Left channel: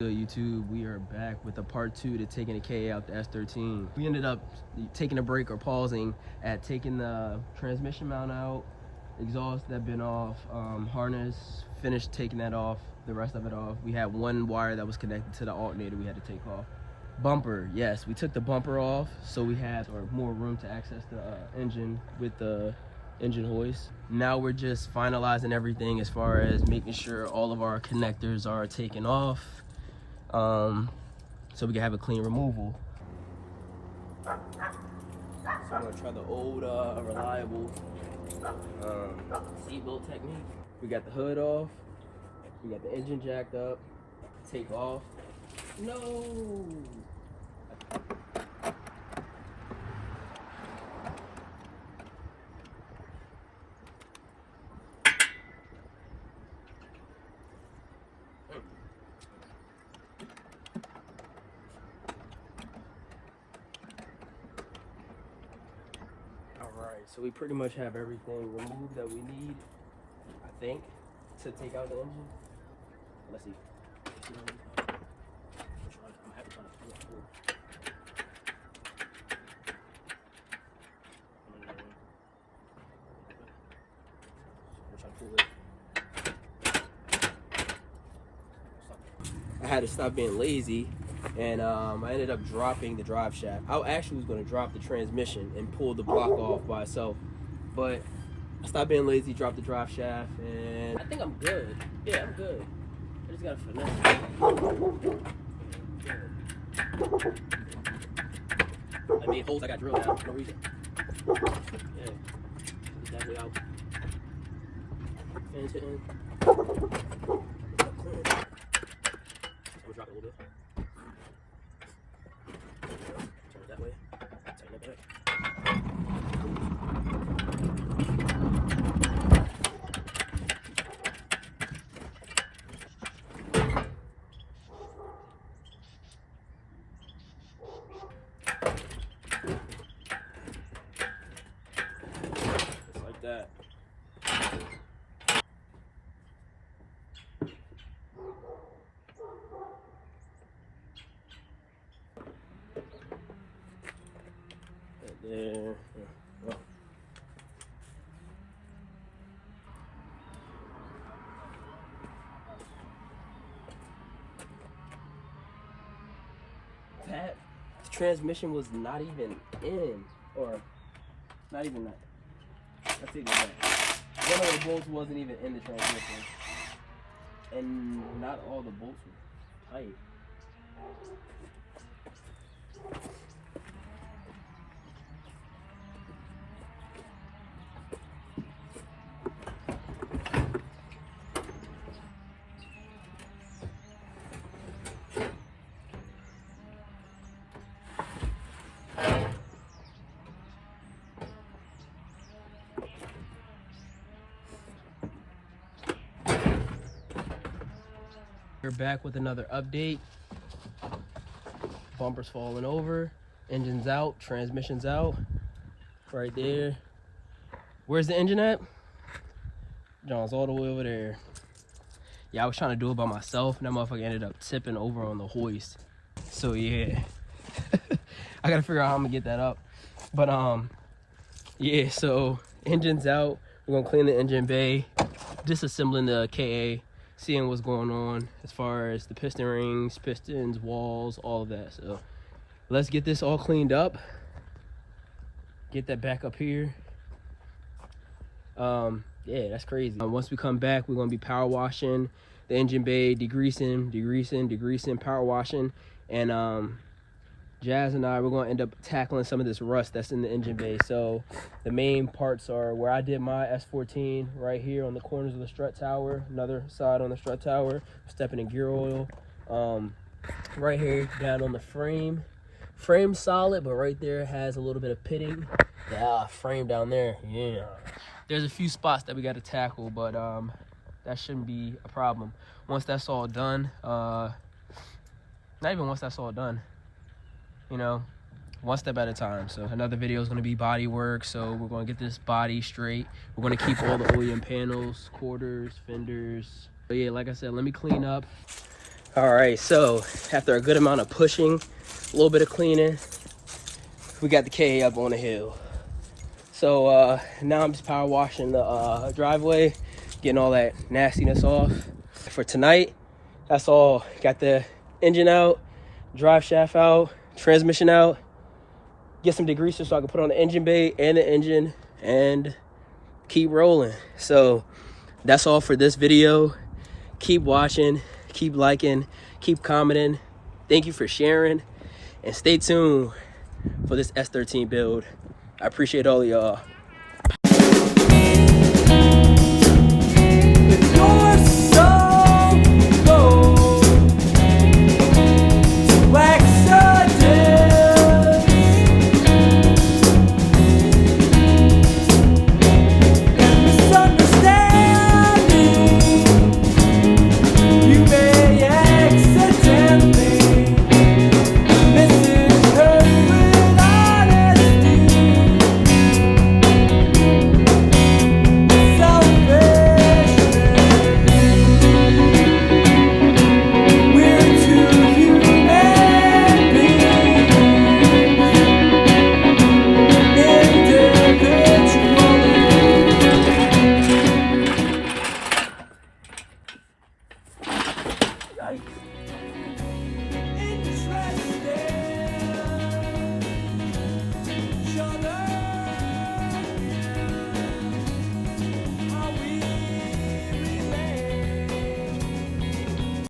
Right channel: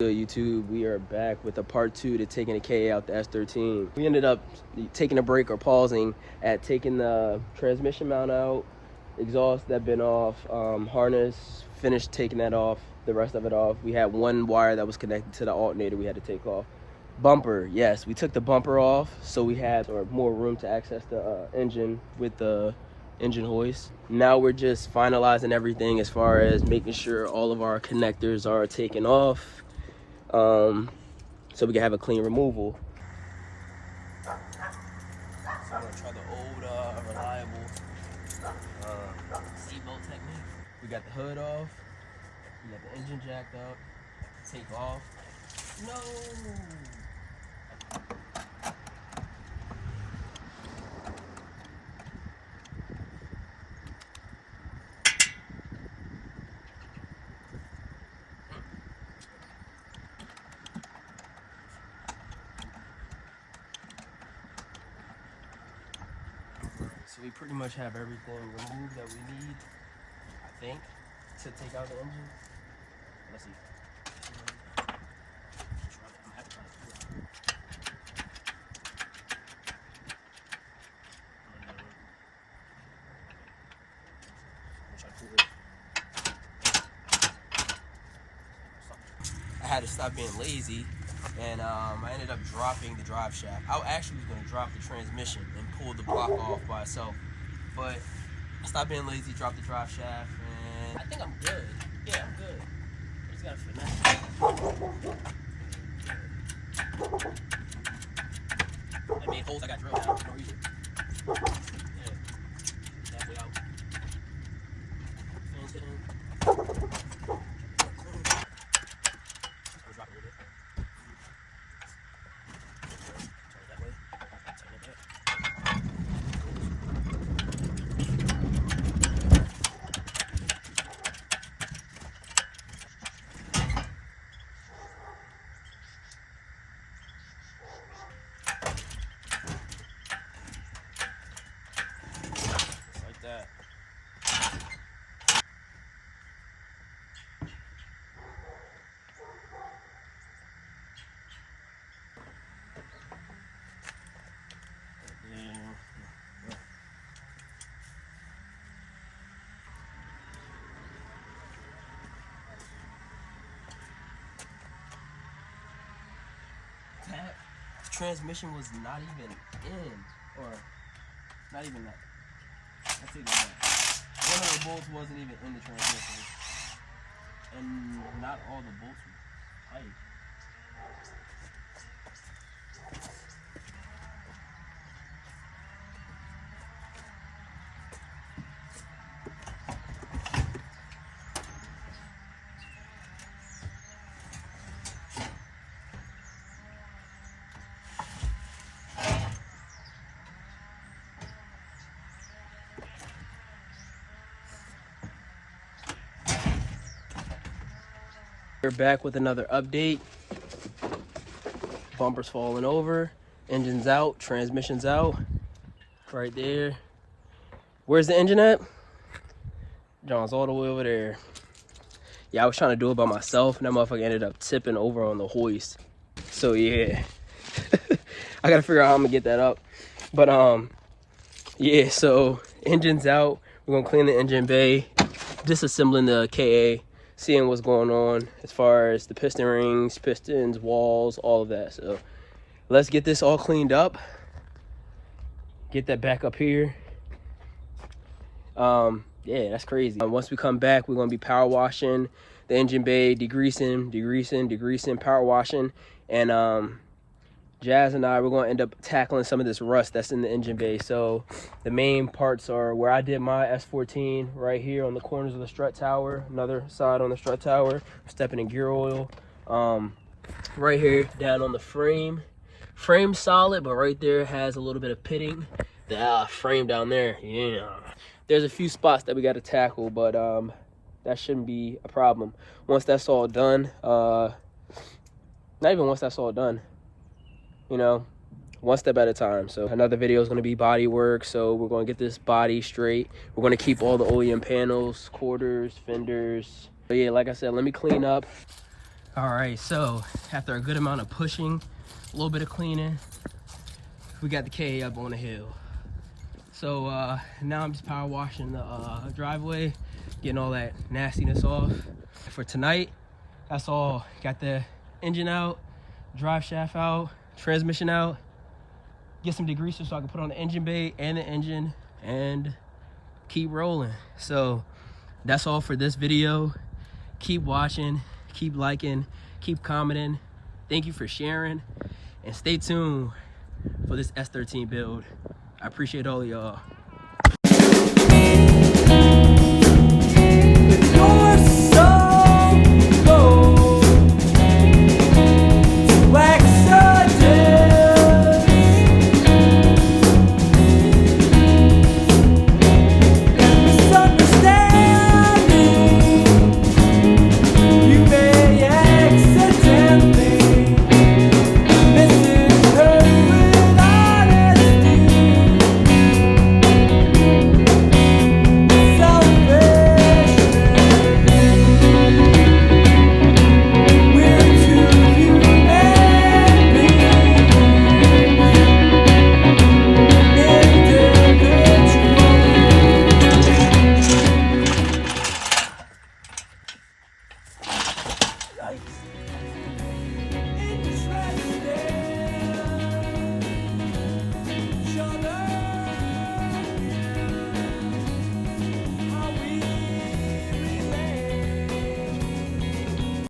YouTube, we are back with a part 2 to taking the KA out the S13. We ended up taking a break or pausing at taking the transmission mount out, exhaust that been off, harness, finished taking that off, the rest of it off. We had one wire that was connected to the alternator we had to take off. Bumper, yes, we took the bumper off so we had more room to access the engine with the engine hoist. Now we're just finalizing everything as far as making sure all of our connectors are taken off, so we can have a clean removal. So I'm gonna try the old reliable seatbelt technique. We got the hood off, we got the engine jacked up, take off. No! So we pretty much have everything removed that we need, I think, to take out the engine. Let's see. I had to stop being lazy, and I ended up dropping the drive shaft. I actually was going to drop the transmission and pull the block off by itself, but I stopped being lazy, dropped the drive shaft, and I think I'm good. Yeah, I'm good. I just got to finesse. I mean, holes I got drilled out for no reason. Yeah, exactly out. Fans hitting. Drop it a little bit. Turn it that way. Turn it back. Just like that. There. Oh. That transmission was not even in, or not even that. Let's take that back. One of the bolts wasn't even in the transmission, and not all the bolts were tight. We're back with another update. Bumper's falling over, engine's out, transmission's out. Right there. Where's the engine at? John's all the way over there. Yeah, I was trying to do it by myself, and that motherfucker ended up tipping over on the hoist. So yeah. I gotta figure out how I'm gonna get that up. But yeah, so engine's out. We're gonna clean the engine bay, disassembling the KA, seeing what's going on as far as the piston rings, pistons, walls, all of that. So let's get this all cleaned up, get that back up here. Yeah, that's crazy. Once we come back, we're gonna be power washing the engine bay, degreasing, power washing, and Jazz and I, we're gonna end up tackling some of this rust that's in the engine bay. So the main parts are where I did my S14 right here on the corners of the strut tower, another side on the strut tower, stepping in gear oil. Right here down on the frame solid, but right there has a little bit of pitting. Yeah, frame down there, yeah. There's a few spots that we got to tackle, but that shouldn't be a problem. Once that's all done, not even once that's all done, you know, one step at a time. So another video is going to be body work, so we're going to get this body straight. We're going to keep all the OEM panels, quarters, fenders. But yeah, like I said, let me clean up. All right, so after a good amount of pushing, a little bit of cleaning, we got the K up on the hill. So now I'm just power washing the driveway, getting all that nastiness off. For tonight, that's all. Got the engine out, drive shaft out, transmission out, get some degreaser so I can put on the engine bay and the engine and keep rolling. So that's all for this video. Keep watching, keep liking, keep commenting. Thank you for sharing, and stay tuned for this S13 build. I appreciate all of y'all.